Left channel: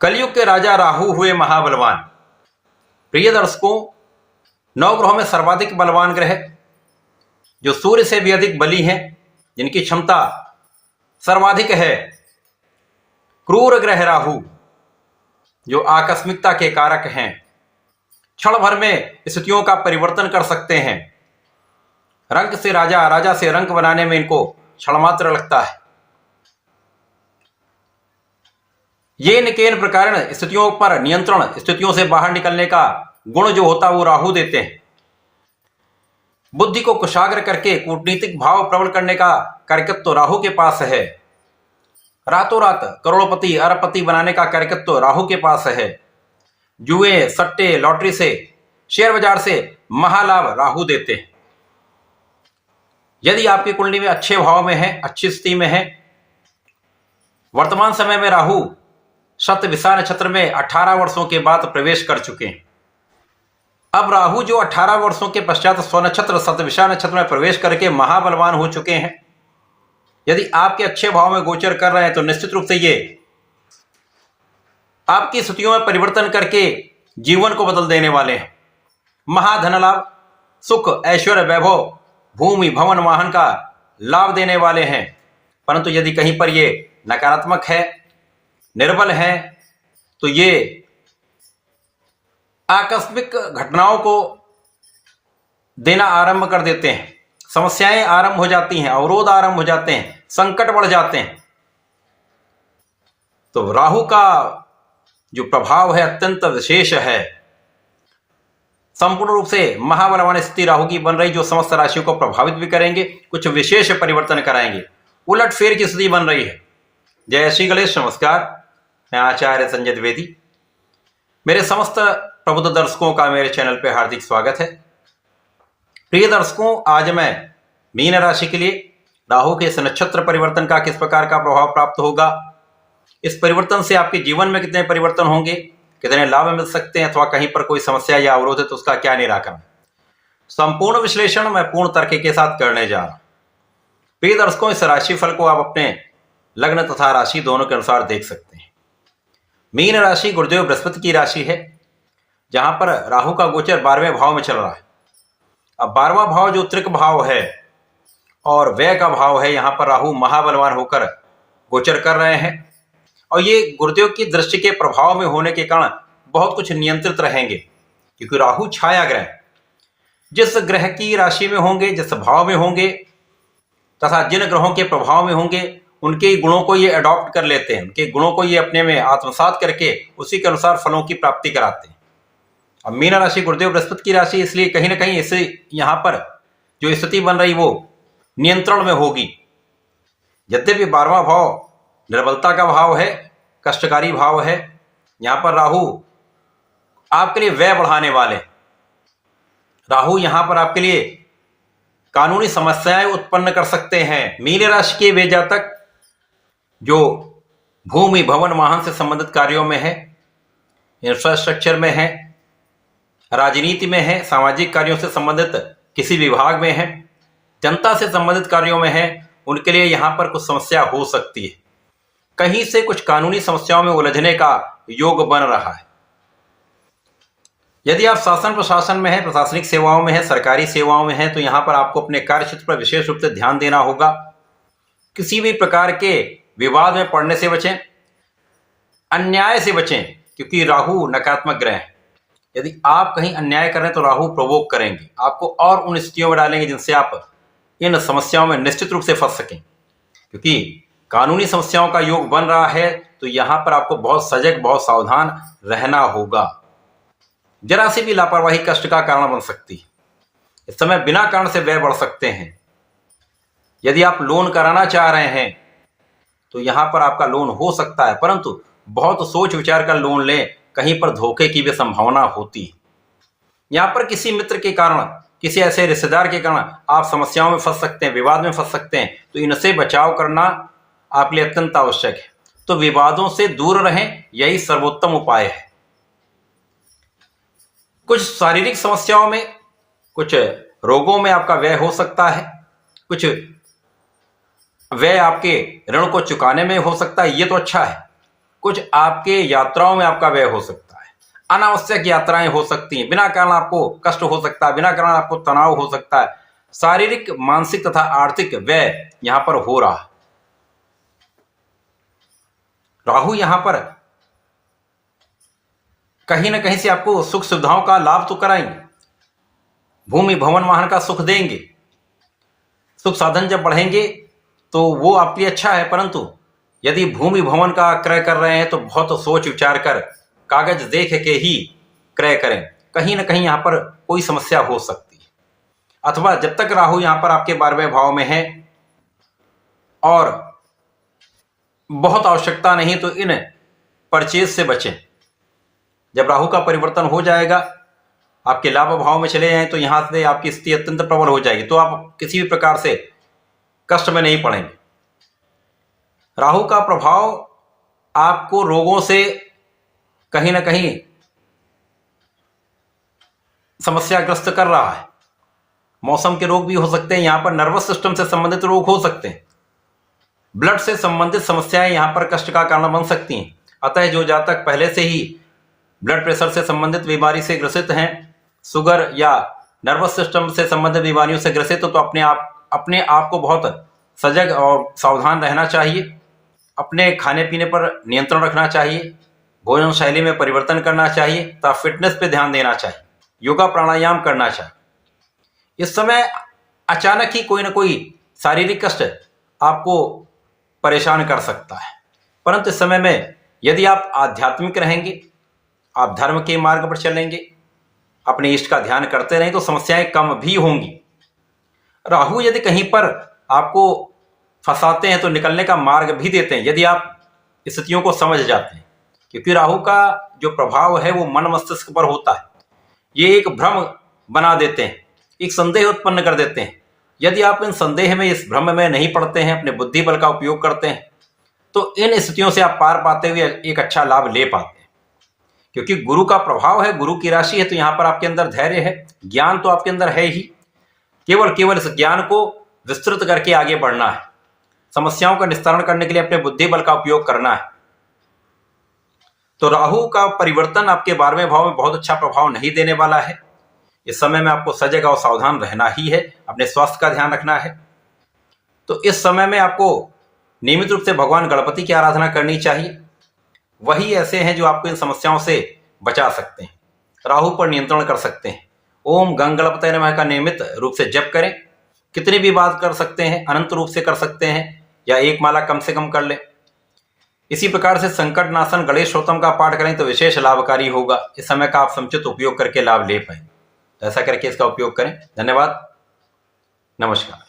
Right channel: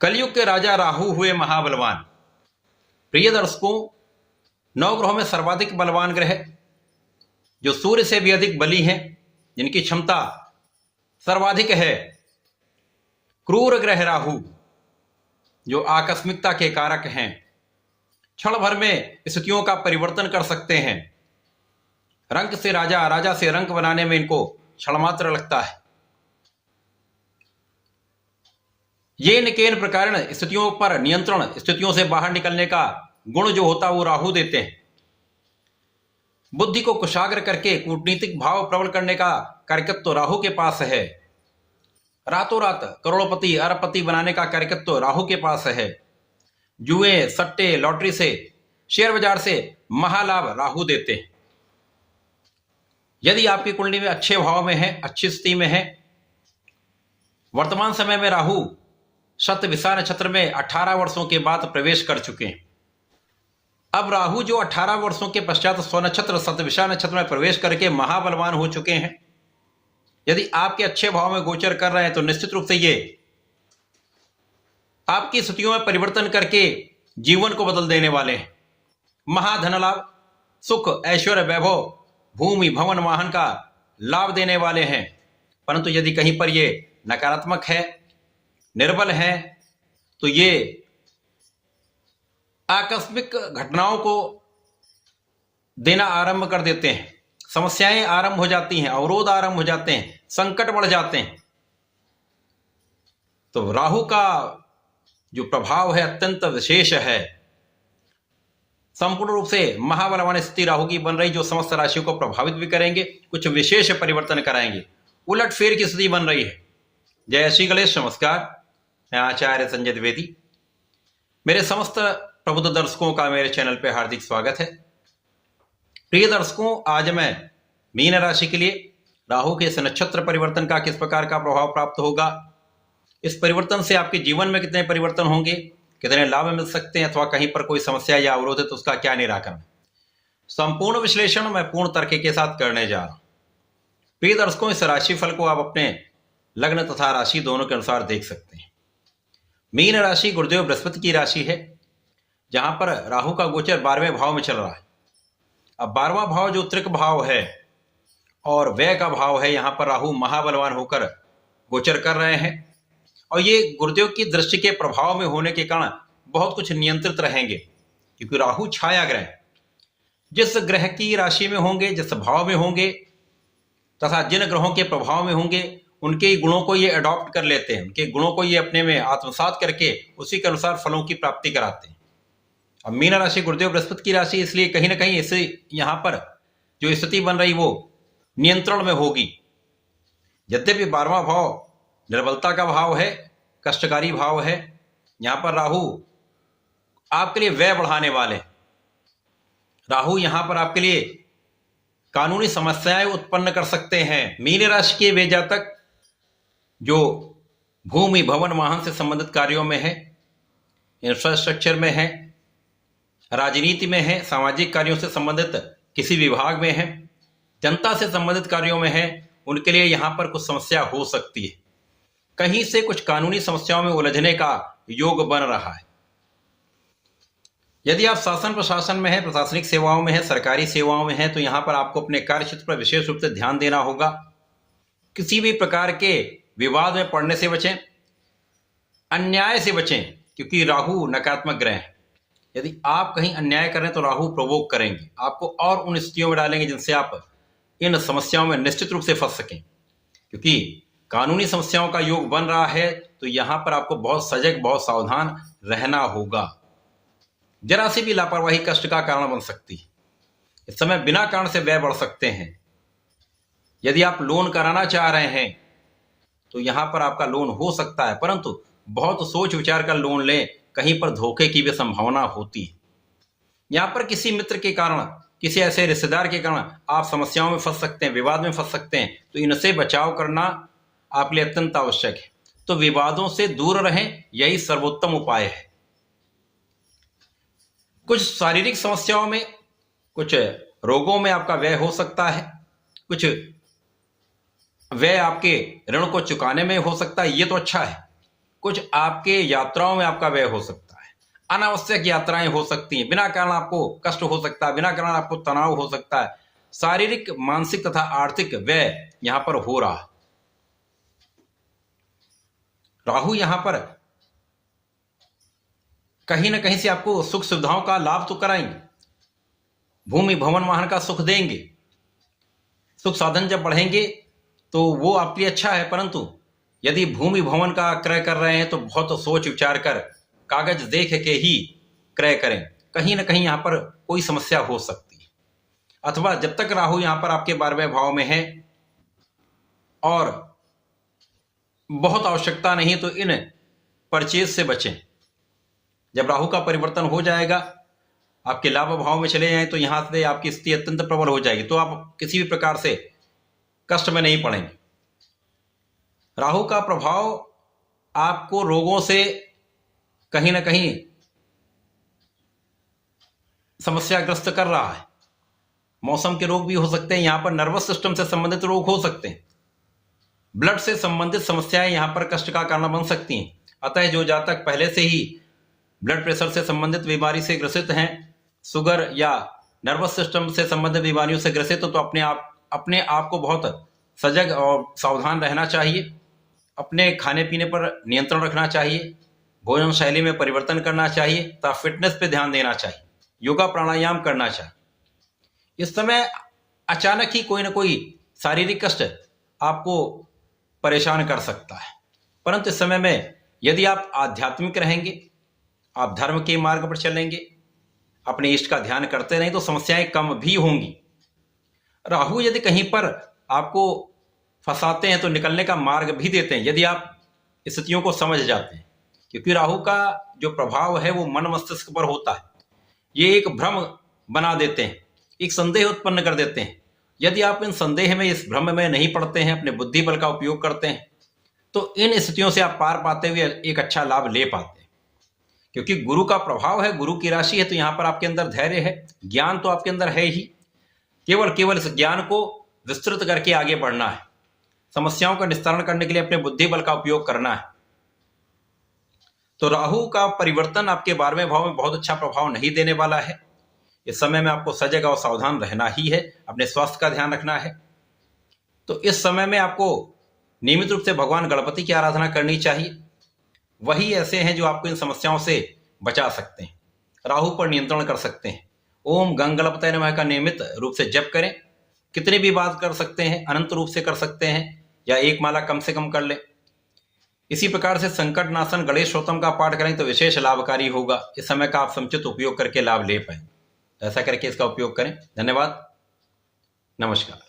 कलयुग के राजा राहु हुए महाबलवान। प्रिय दर्शकों, नवग्रहों में सर्वाधिक बलवान ग्रह जो सूर्य से भी अधिक बली हैं, जिनकी क्षमता सर्वाधिक है, क्रूर ग्रह राहु जो आकस्मिकता के कारक हैं, क्षण भर में स्थितियों का परिवर्तन कर सकते हैं। रंक से राजा, राजा से रंक बनाने में इनको क्षण मात्र लगता है। ये निकेन प्रकार स्थितियों पर नियंत्रण, स्थितियों से बाहर निकलने का गुण जो होता है वो राहु देते हैं। बुद्धि को कुशाग्र करके कूटनीतिक भाव प्रबल करने का कार्यकत्व तो राहु के पास है। रातों रात करोड़पति अरबपति बनाने का कार्यकत्व तो राहु के पास है। जुए, सट्टे, लॉटरी से, शेयर बाजार से महालाभ राहु देते हैं। यदि आपकी कुंडली में अच्छे भाव में है, अच्छी स्थिति में है, वर्तमान समय में राहु शतभिषा नक्षत्र में 18 वर्षों के बाद प्रवेश कर चुके हैं। अब राहु जो 18 वर्षों के पश्चात स्वनक्षत्र शतभिषा नक्षत्र में प्रवेश करके महाबलवान हो चुके हैं। यदि आपके अच्छे भाव में गोचर कर रहे हैं तो निश्चित रूप से ये आपकी स्थितियों में परिवर्तन करके जीवन को बदल देने वाले हैं। महाधन लाभ, सुख, ऐश्वर्य, वैभव, भूमि, भवन, वाहन का लाभ देने वाले हैं। परंतु यदि कहीं पर ये नकारात्मक है, निर्बल है, तो ये आकस्मिक घटनाओं को देना आरंभ कर देते हैं। समस्याएं आरंभ हो जाती हैं, अवरोध आरंभ हो जाते हैं, संकट बढ़ जाते हैं। तो राहु का जो प्रभाव है अत्यंत विशेष है। संपूर्ण रूप से महाबलवान स्थिति राहु की बन रही, जो समस्त राशियों को प्रभावित भी करेंगे, कुछ विशेष परिवर्तन कराएंगे। उलट फेर की स्थिति बन रही है। जय श्री गणेश, नमस्कार। मैं आचार्य संजय द्विवेदी। मेरे समस्त प्रबुद्ध दर्शकों का मेरे चैनल पर हार्दिक स्वागत है। प्रिय दर्शकों, आज मैं मीन राशि के लिए राहु के इस नक्षत्र परिवर्तन का किस प्रकार का प्रभाव प्राप्त होगा, इस परिवर्तन से आपके जीवन में कितने परिवर्तन होंगे, कितने लाभ मिल सकते हैं, अथवा कहीं पर कोई समस्या या अवरोध है तो उसका क्या निराकरण, संपूर्ण विश्लेषण मैं पूर्ण तर्क के साथ करने जा रहा हूं। प्रिय दर्शकों, इस राशि फल को आप अपने लग्न तथा राशि दोनों के अनुसार देख सकते हैं। मीन राशि गुरुदेव बृहस्पति की राशि है, जहां पर राहु का गोचर 12वें भाव में चल रहा है। अब 12वां भाव जो त्रिक भाव है और व्यय का भाव है, यहां पर राहु महाबलवान होकर गोचर कर रहे हैं। और ये गुरुदेव की दृष्टि के प्रभाव में होने के कारण बहुत कुछ नियंत्रित रहेंगे, क्योंकि राहु छाया ग्रह, जिस ग्रह की राशि में होंगे, जिस भाव में होंगे तथा जिन ग्रहों के प्रभाव में होंगे, उनके गुणों को ये अडॉप्ट कर लेते हैं, उनके गुणों को ये अपने में आत्मसात करके उसी के अनुसार फलों की प्राप्ति कराते हैं। अब मीन राशि गुरुदेव बृहस्पति की राशि, इसलिए कहीं ना कहीं इससे यहां पर जो स्थिति बन रही वो नियंत्रण में होगी। यद्यपि 12वां भाव निर्बलता का भाव है, कष्टकारी भाव है, यहां पर राहु आपके लिए व्यय बढ़ाने वाले। राहु यहां पर आपके लिए कानूनी समस्याएं उत्पन्न कर सकते हैं। मीन राशि के वे जातक जो भूमि, भवन, वाहन से संबंधित कार्यों में है, इंफ्रास्ट्रक्चर में है, राजनीति में है, सामाजिक कार्यों से संबंधित किसी विभाग में है, जनता से संबंधित कार्यों में है, उनके लिए यहां पर कुछ समस्या हो सकती है। कहीं से कुछ कानूनी समस्याओं में उलझने का योग बन रहा है। यदि आप शासन प्रशासन में हैं, प्रशासनिक सेवाओं में हैं, सरकारी सेवाओं में हैं, तो यहां पर आपको अपने कार्य क्षेत्र पर विशेष रूप से ध्यान देना होगा। किसी भी प्रकार के विवाद में पड़ने से बचें, अन्याय से बचें, क्योंकि राहु नकारात्मक ग्रह है। यदि आप कहीं अन्याय करें तो राहु प्रोवोक करेंगे, आपको और उन स्थितियों में डालेंगे जिनसे आप इन समस्याओं में निश्चित रूप से फंस सकें। क्योंकि कानूनी समस्याओं का योग बन रहा है, तो यहां पर आपको बहुत सजग, बहुत सावधान रहना होगा। जरा सी भी लापरवाही कष्ट का कारण बन सकती है। इस समय बिना कारण से व्यय बढ़ सकते हैं। यदि आप लोन कराना चाह रहे हैं तो यहां पर आपका लोन हो सकता है, परंतु बहुत सोच विचार कर लोन लें, कहीं पर धोखे की भी संभावना होती है। यहां पर किसी मित्र के कारण, किसी ऐसे रिश्तेदार के कारण आप समस्याओं में फंस सकते हैं, विवाद में फंस सकते हैं। तो इनसे बचाव करना आपके लिए अत्यंत आवश्यक है। तो विवादों से दूर रहें, यही सर्वोत्तम उपाय है। कुछ शारीरिक समस्याओं में, कुछ रोगों में आपका व्यय हो सकता है, कुछ व्यय आपके ऋण को चुकाने में हो सकता है, ये तो अच्छा है। कुछ आपके यात्राओं में आपका व्यय हो सकता है, अनावश्यक यात्राएं हो सकती हैं, बिना कारण आपको कष्ट हो सकता है, बिना कारण आपको तनाव हो सकता है, शारीरिक, मानसिक तथा आर्थिक व्यय यहां पर हो रहा है। राहु यहां पर कहीं ना कहीं से आपको सुख सुविधाओं का लाभ तो कराएंगे, भूमि भवन वाहन का सुख देंगे, सुख साधन जब बढ़ेंगे तो वो आपके लिए अच्छा है, परंतु यदि भूमि भवन का क्रय कर रहे हैं तो बहुत सोच विचार कर, कागज देख के ही क्रय करें, कहीं ना कहीं यहां पर कोई समस्या हो सकती है। अथवा जब तक राहु यहां पर आपके 12वें भाव में है और बहुत आवश्यकता नहीं तो इन परचेज से बचें। जब राहु का परिवर्तन हो जाएगा, आपके लाभ भाव में चले जाएं तो यहां से आपकी स्थिति अत्यंत प्रबल हो जाएगी, तो आप किसी भी प्रकार से कष्ट में नहीं पड़ेंगे। राहु का प्रभाव आपको रोगों से कहीं ना कहीं समस्याग्रस्त कर रहा है। मौसम के रोग भी हो सकते हैं, यहां पर नर्वस सिस्टम से संबंधित रोग हो सकते हैं, ब्लड से संबंधित समस्याएं यहां पर कष्ट का कारण बन सकती हैं। अतः जो जातक पहले से ही ब्लड प्रेशर से संबंधित बीमारी से ग्रसित हैं, शुगर या नर्वस सिस्टम से संबंधित बीमारियों से ग्रसित हो, तो अपने आप को बहुत सजग और सावधान रहना चाहिए। अपने खाने पीने पर नियंत्रण रखना चाहिए, भोजन शैली में परिवर्तन करना चाहिए तथा फिटनेस पे ध्यान देना चाहिए, योगा प्राणायाम करना चाहिए। इस समय अचानक ही कोई ना कोई शारीरिक कष्ट आपको परेशान कर सकता है, परंतु इस समय में यदि आप आध्यात्मिक रहेंगे, आप धर्म के मार्ग पर चलेंगे, अपने इष्ट का ध्यान करते रहें तो समस्याएं कम भी होंगी। राहु यदि कहीं पर आपको फंसाते हैं तो निकलने का मार्ग भी देते हैं, यदि आप स्थितियों को समझ जाते हैं, क्योंकि राहु का जो प्रभाव है वो मन मस्तिष्क पर होता है। ये एक भ्रम बना देते हैं, एक संदेह उत्पन्न कर देते हैं। यदि आप इन संदेह में, इस भ्रम में नहीं पड़ते हैं, अपने बुद्धि बल का उपयोग करते हैं, तो इन स्थितियों से आप पार पाते हुए एक अच्छा लाभ ले पाते हैं। क्योंकि गुरु का प्रभाव है, गुरु की राशि है, तो यहां पर आपके अंदर धैर्य है, ज्ञान तो आपके अंदर है ही, केवल इस ज्ञान को विस्तृत करके आगे बढ़ना है, समस्याओं का निस्तारण करने के लिए अपने बुद्धि बल का उपयोग करना है। तो राहु का परिवर्तन आपके 12वें भाव में बहुत अच्छा प्रभाव नहीं देने वाला है। इस समय में आपको सजग और सावधान रहना ही है, अपने स्वास्थ्य का ध्यान रखना है। तो इस समय में आपको नियमित रूप से भगवान गणपति की आराधना करनी चाहिए, वही ऐसे हैं जो आपको इन समस्याओं से बचा सकते हैं, राहु पर नियंत्रण कर सकते हैं। ओम गंग गणपतये नमः का नियमित रूप से जप करें, कितनी भी बात कर सकते हैं, अनंत रूप से कर सकते हैं, या एक माला कम से कम कर ले। इसी प्रकार से संकट नाशन गणेश स्तोत्रम का पाठ करें तो विशेष लाभकारी होगा। इस समय का आप समुचित उपयोग करके लाभ ले पाए, ऐसा करके इसका उपयोग करें। धन्यवाद, नमस्कार।